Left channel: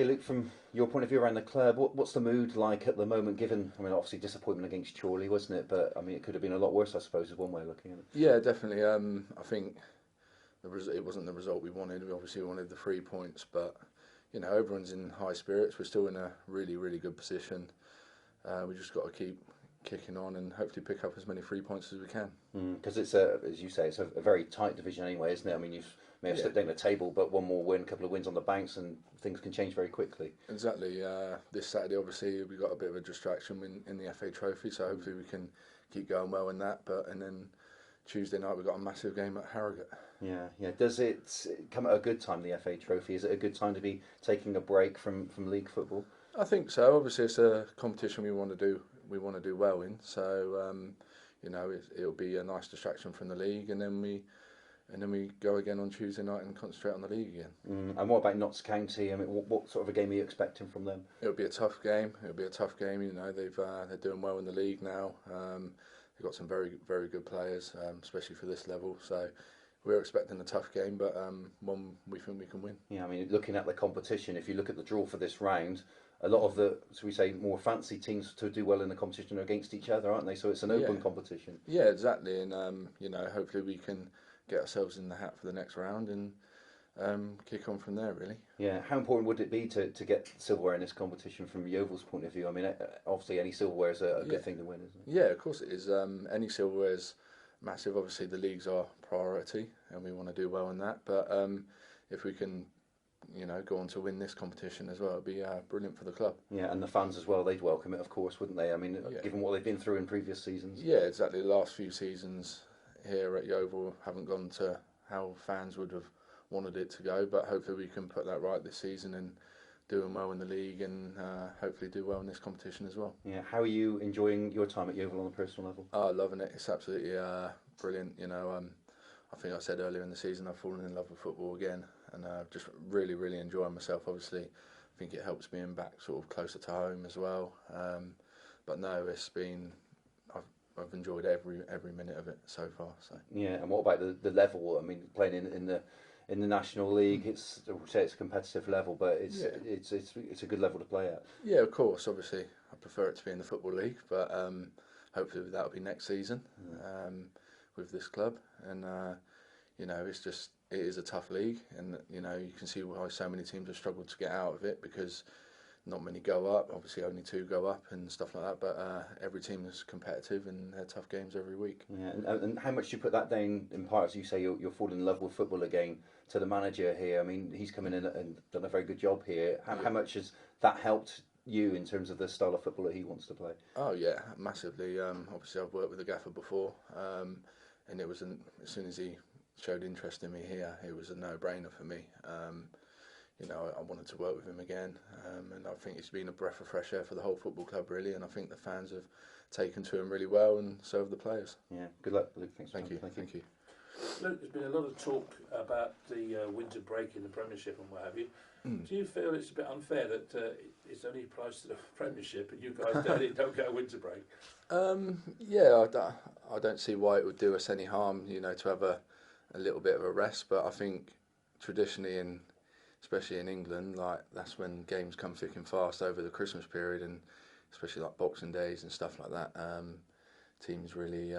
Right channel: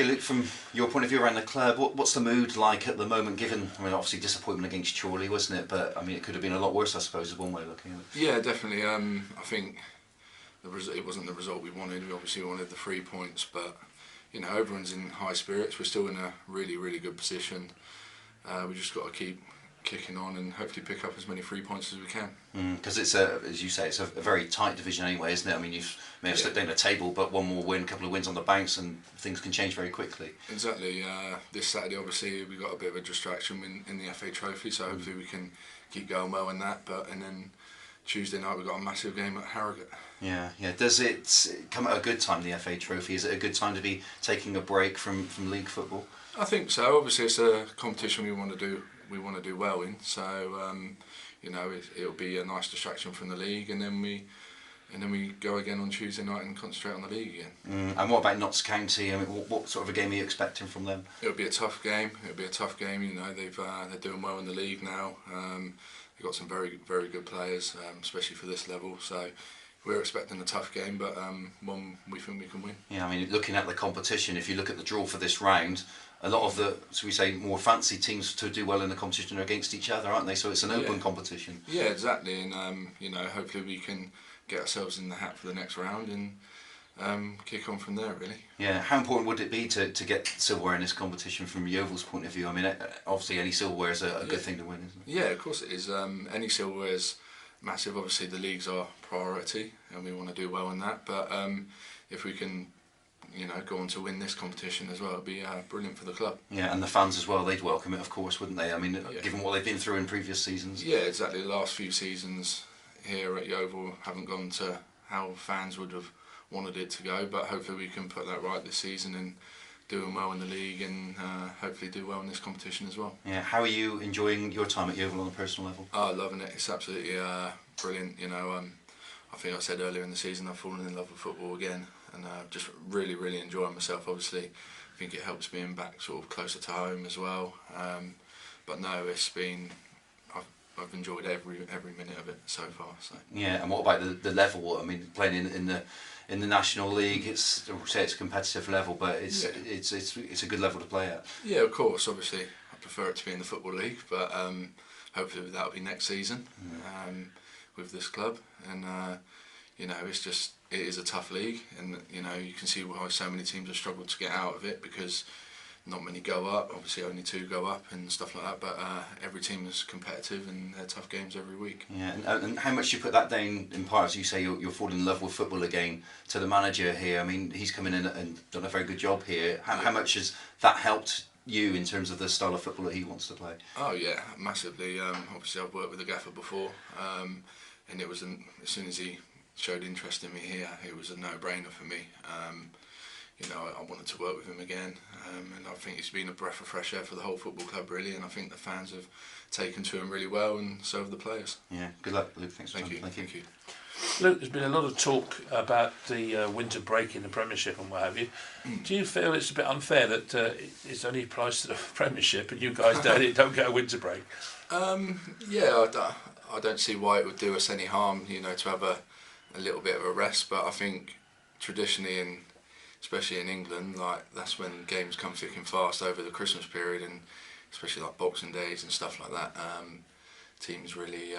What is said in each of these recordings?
Okay, Luke, from your point of view around the club, what's the mood like at the moment, given, I mean, obviously disappointment against Chorley, wasn't it? But, I mean, it could have been a lot worse, I suppose, is one way of looking at it. Yeah, definitely. I think it wasn't the result we wanted. We obviously wanted the 3 points, but, you know, everyone's in high spirits. We're still in a really, really good position. We just got to keep kicking on and hopefully pick up as many 3 points as we can. Because it's as you say, it's a very tight division anyway, isn't it? I mean, you may have slipped down the table, but one more win, a couple of wins on the bounce, and things can change very quickly. Exactly. This Saturday, obviously, we got a bit of a distraction in the FA Trophy, so hopefully we can keep going well in that. And then Tuesday night we've got a massive game at Harrogate. Yeah. Does it come at a good time, the FA Trophy? Is it a good time to be taking a break from league football? I think so. Obviously, it's a competition we want to do. We want to do well in. So, you know, it'll be a nice distraction from the league, and then we go again on Tuesday night and concentrate on the league again. And what about Notts County? I mean, what sort of a game are you expecting from them? It'll be a tough game. You know, they're doing well in the league now. They've got some very, very good players, especially for this level. So we're expecting a tough game, but one we think we can win. Yeah, I mean, looking at the competition, if you look at the draw for this round, a lot of the, so we say, more fancy teams to do well in the competition are against each other, aren't they? So it's an open competition. Yeah, exactly. And, you know, hopefully we can get ourselves in the hat for the next round and kick on from there, really. Yeah, how important would it be to get silverware in this competition from Yeovil's point of view? I mean, obviously any silverware is a good thing to win, isn't it? Yeah, of course it is. Any silverware is massive. Obviously the league's our priority and we want to do well in that. But if we can, you know, go on to win this competition as well, it'd be brilliant for the club. Yeah, and the fans as well, they'd welcome it, of course, wouldn't they? I mean, given what they've been through in previous seasons. Yeah, exactly. The last few seasons here at Yeovil haven't gone to how fans would have wanted it to go, but hopefully we can put that right this season and doing well in the league and hopefully do well in this competition as well. Yeah, how are you enjoying your time at Yeovil on a personal level? Oh, loving it. It's absolutely brilliant. You know, I think I said earlier in the season I've fallen in love with football again, and just really, really enjoying myself. Obviously, I think it helps being back sort of closer to home as well. But no, it's been. I've enjoyed every minute of it so far. So. Yeah, and what about the level? I mean, playing in the National League, it's a competitive level, but it's a good level to play at. Yeah, of course. Obviously, I prefer it to be in the Football League, but hopefully that'll be next season with this club. And you know, it is a tough league, and you know you can see why so many teams have struggled to get out of it because not many go up. Obviously, only 2 go up and stuff like that. But every team is competitive, and they're tough games every week. Yeah, and how much you put that down in part, as you say, you're falling in love with football again. To the manager here, I mean, he's come in and done a very good job here. How much has that helped you in terms of the style of football that he wants to play? Oh yeah, massively. Obviously, I've worked with the gaffer before, and it was as soon as he showed interest in me here, it was a no-brainer for me. You know, I wanted to work with him again, and I think he's been a breath of fresh air for the whole football club, really. And I think the fans have taken to him really well, and so have the players. Yeah, good luck, Luke. Thanks. Thank you. Luke, there's been a lot of talk about the winter break in the Premiership and what have you. Do you feel it's a bit unfair that it's only applies to the Premiership and you guys don't get a winter break? Yeah, I don't see why it would do us any harm, you know, to have a little bit of a rest. But I think traditionally, especially in England, like that's when games come thick and fast over the Christmas period, and especially like Boxing Days and stuff like that. Teams really,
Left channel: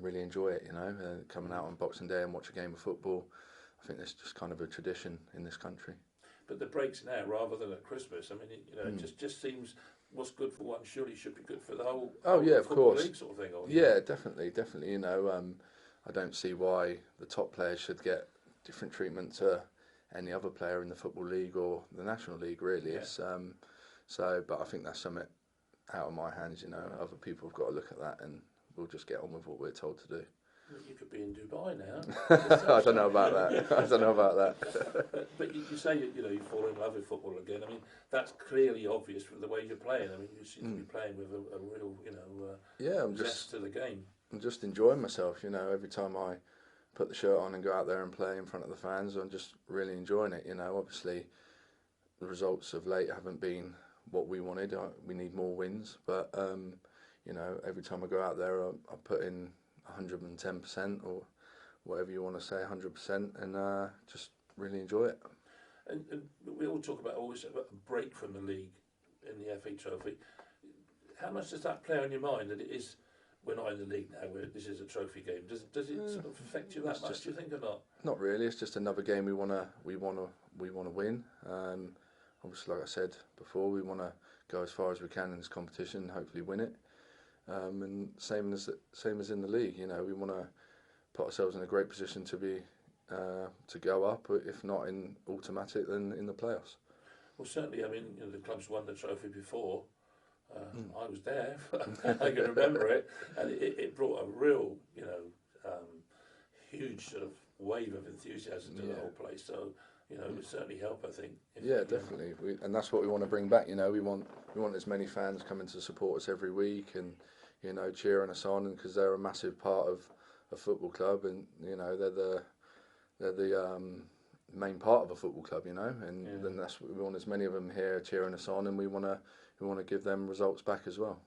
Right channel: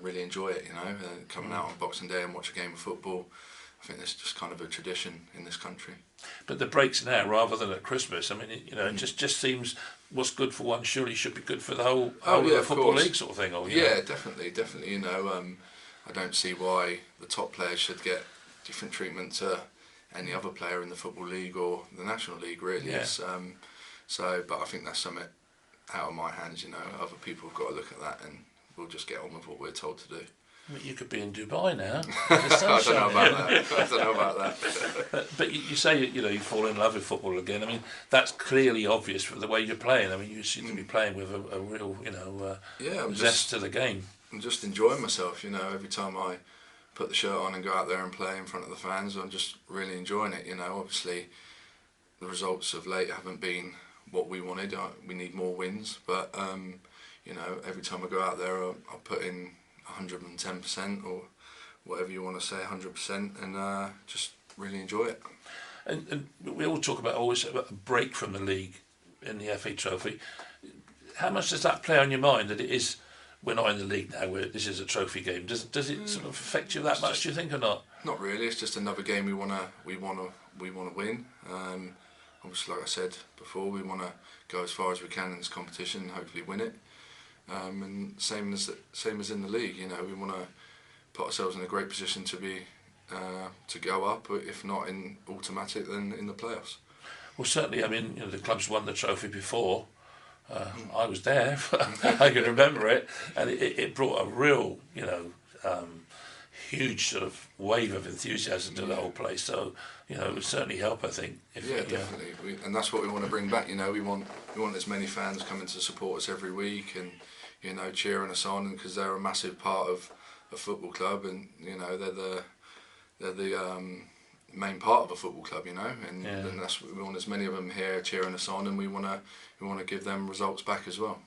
really enjoy it. You know, coming out on Boxing Day and watch a game of football. I think that's just kind of a tradition in this country. But the breaks now rather than at Christmas. I mean, it just seems what's good for one surely should be good for the whole Football League sort of thing. Or, yeah, definitely. You know, I don't see why the top players should get different treatment to any other player in the Football League or the National League, really. Yeah. But I think that's something out of my hands, you know. Other people have got to look at that, and we'll just get on with what we're told to do. Well, you could be in Dubai now. I don't know about that. But you say, you know, you fall in love with football again. I mean, that's clearly obvious from the way you're playing. I mean, you seem to be playing with a real, you know, zest to the game. I'm just enjoying myself, you know. Every time I put the shirt on and go out there and play in front of the fans, I'm just really enjoying it, you know. Obviously, the results of late haven't been what we wanted. We need more wins, but you know, every time I go out there, I'll put in 110% or whatever you want to say, 100%, and just really enjoy it. And we all talk always about a break from the league in the FA Trophy. How much does that play on your mind that it is, we're not in the league now, this is a trophy game? Does it sort of affect you that much, do you think, or not? Not really. It's just another game we wanna win. Obviously, like I said before, we wanna go as far as we can in this competition and hopefully win it. And same as in the league, you know, we wanna put ourselves in a great position to be to go up, if not in automatic, then in the playoffs. Well, certainly. I mean, the club's won the trophy before. I was there. I can remember it, and it brought a real, huge sort of wave of enthusiasm to the whole place. So, it would certainly help, I think. Definitely. And that's what we want to bring back. We want as many fans coming to support us every week, and cheering us on, because they're a massive part of a football club, and they're the main part of a football club, and that's we want as many of them here cheering us on, and we want to give them results back as well.